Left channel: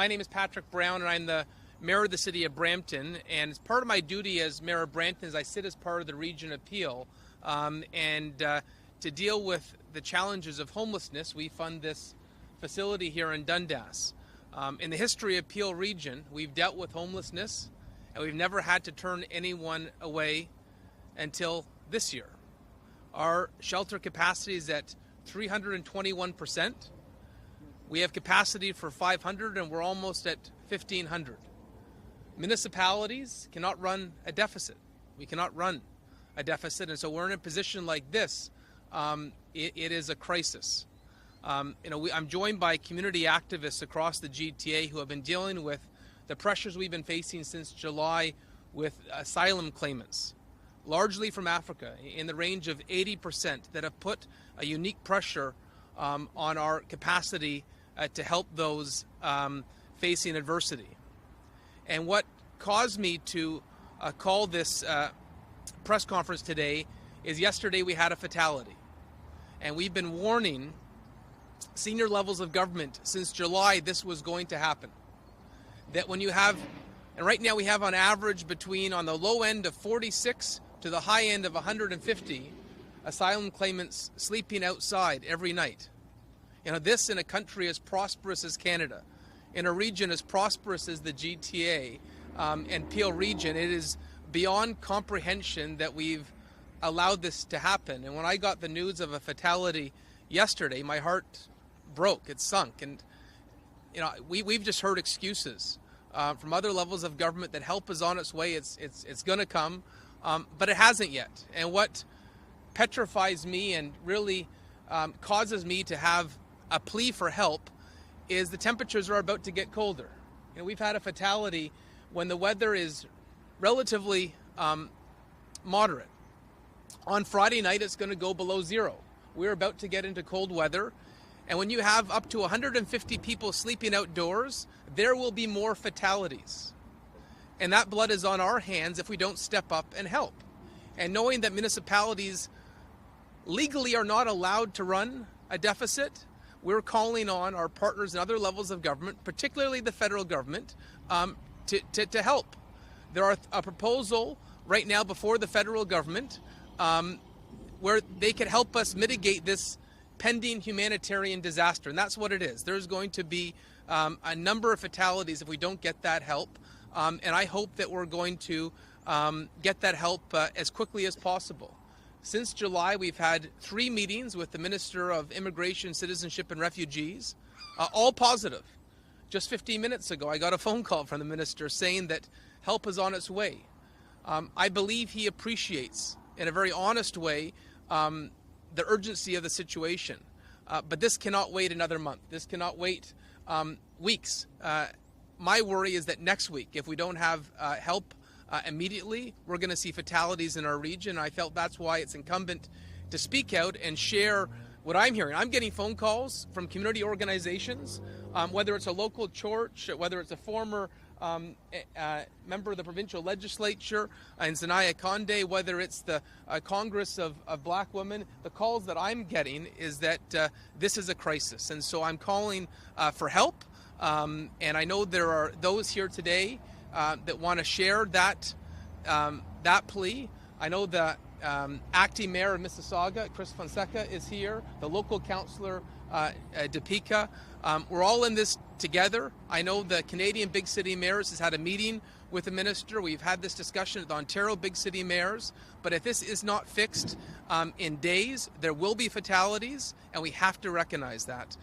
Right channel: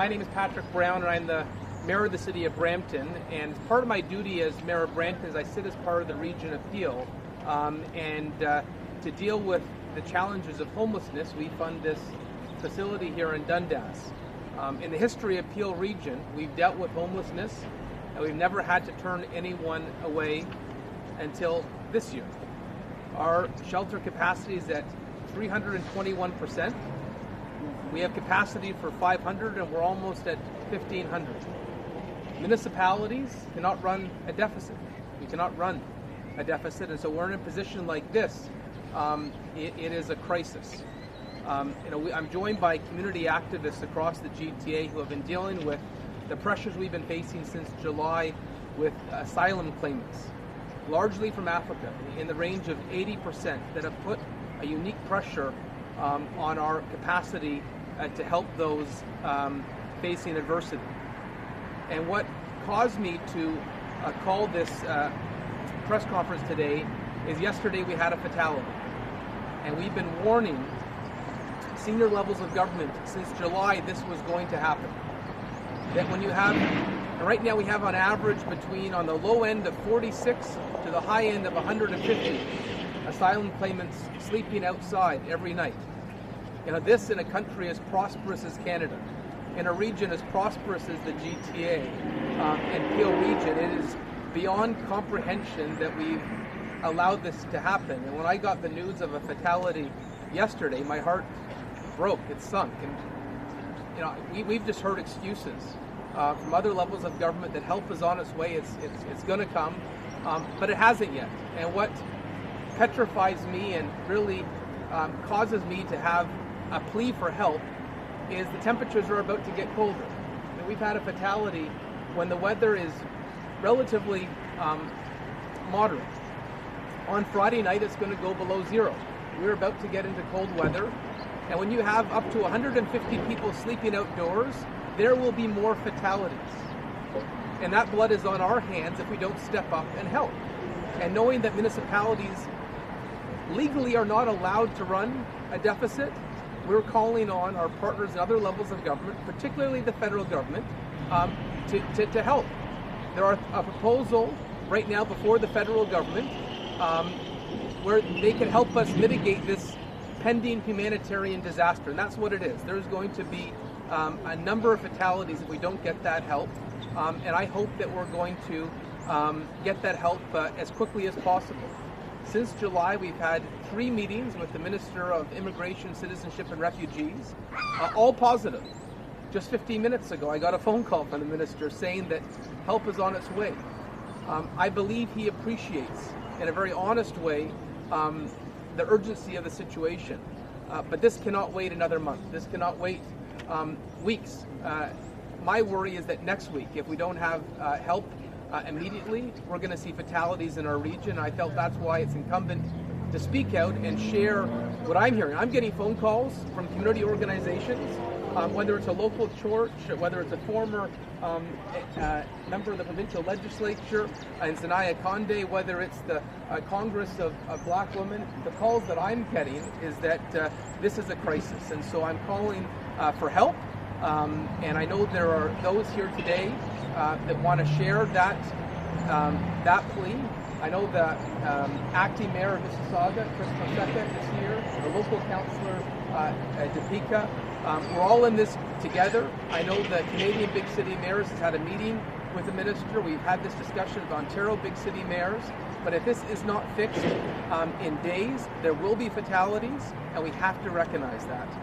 My name is Patrick Brown, and I'm the Mayor of the City of Brampton. And as part of my duty as Mayor of Brampton is I sit as part of the Region Appeal. To deal with the challenges of homelessness, we fund this facility here in Dundas. In the history of Peel Region, we've dealt with homelessness, and we've never had to turn anyone away until this year. Our shelter capacity is at 321%. We have capacity for 500, and we're almost at 1,500. Municipalities cannot run a deficit. We cannot run a deficit, and so we're in a position like this. It is a crisis. I'm joined by community activists across the GTA who have been dealing with the pressures we've been facing since July with asylum claimants, largely from Africa, in the range of 80%, that have put a unique pressure on our capacity to help those facing adversity. And what caused me to call this press conference today is yesterday we had a fatality. And we've been warning senior levels of government since July this was going to happen. That when you have, and right now we have on average between, on the low end of 46 to the high end of 150 asylum claimants sleeping outside every night. This in a country as prosperous as Canada, in a region as prosperous as the GTA and Peel region, it is beyond comprehension that we've allowed this to happen. And when I got the news of a fatality yesterday, my heart broke, it sunk. And we've just heard excuses from other levels of government that help is on its way, it's gonna come, but it hasn't yet. And what petrifies me and really causes me to have a plea for help is the temperatures are about to get colder. We've had a fatality when the weather is relatively moderate. On Friday night, it's going to go below zero. We're about to get into cold weather. And when you have up to 150 people sleeping outdoors, there will be more fatalities. And that blood is on our hands if we don't step up and help. And knowing that municipalities legally are not allowed to run a deficit, we're calling on our partners and other levels of government, particularly the federal government, to help. There are a proposal right now before the federal government where they can help us mitigate this pending humanitarian disaster, and that's what it is. There's going to be a number of fatalities if we don't get that help, and I hope that we're going to get that help as quickly as possible. Since July, we've had 3 meetings with the Minister of Immigration, Citizenship and Refugees, all positive. Just 15 minutes ago, I got a phone call from the Minister saying that help is on its way. I believe he appreciates, in a very honest way, the urgency of the situation. But this cannot wait another month. This cannot wait weeks. My worry is that next week, if we don't have help immediately, we're going to see fatalities in our region. I felt that's why it's incumbent to speak out and share what I'm hearing. I'm getting phone calls from community organizations, whether it's a local church, whether it's a former member of the provincial legislature in Zanaya Conde, whether it's the Congress of Black Women. The calls that I'm getting is that this is a crisis, and so I'm calling for help. And I know there are those here today that want to share that plea. I know the acting mayor of Mississauga, Chris Fonseca, is here, the local councillor, Topeka. We're all in this together. I know the Canadian Big City Mayors has had a meeting with the minister. We've had this discussion with Ontario Big City Mayors. But if this is not fixed in days, there will be fatalities, and we have to recognize that.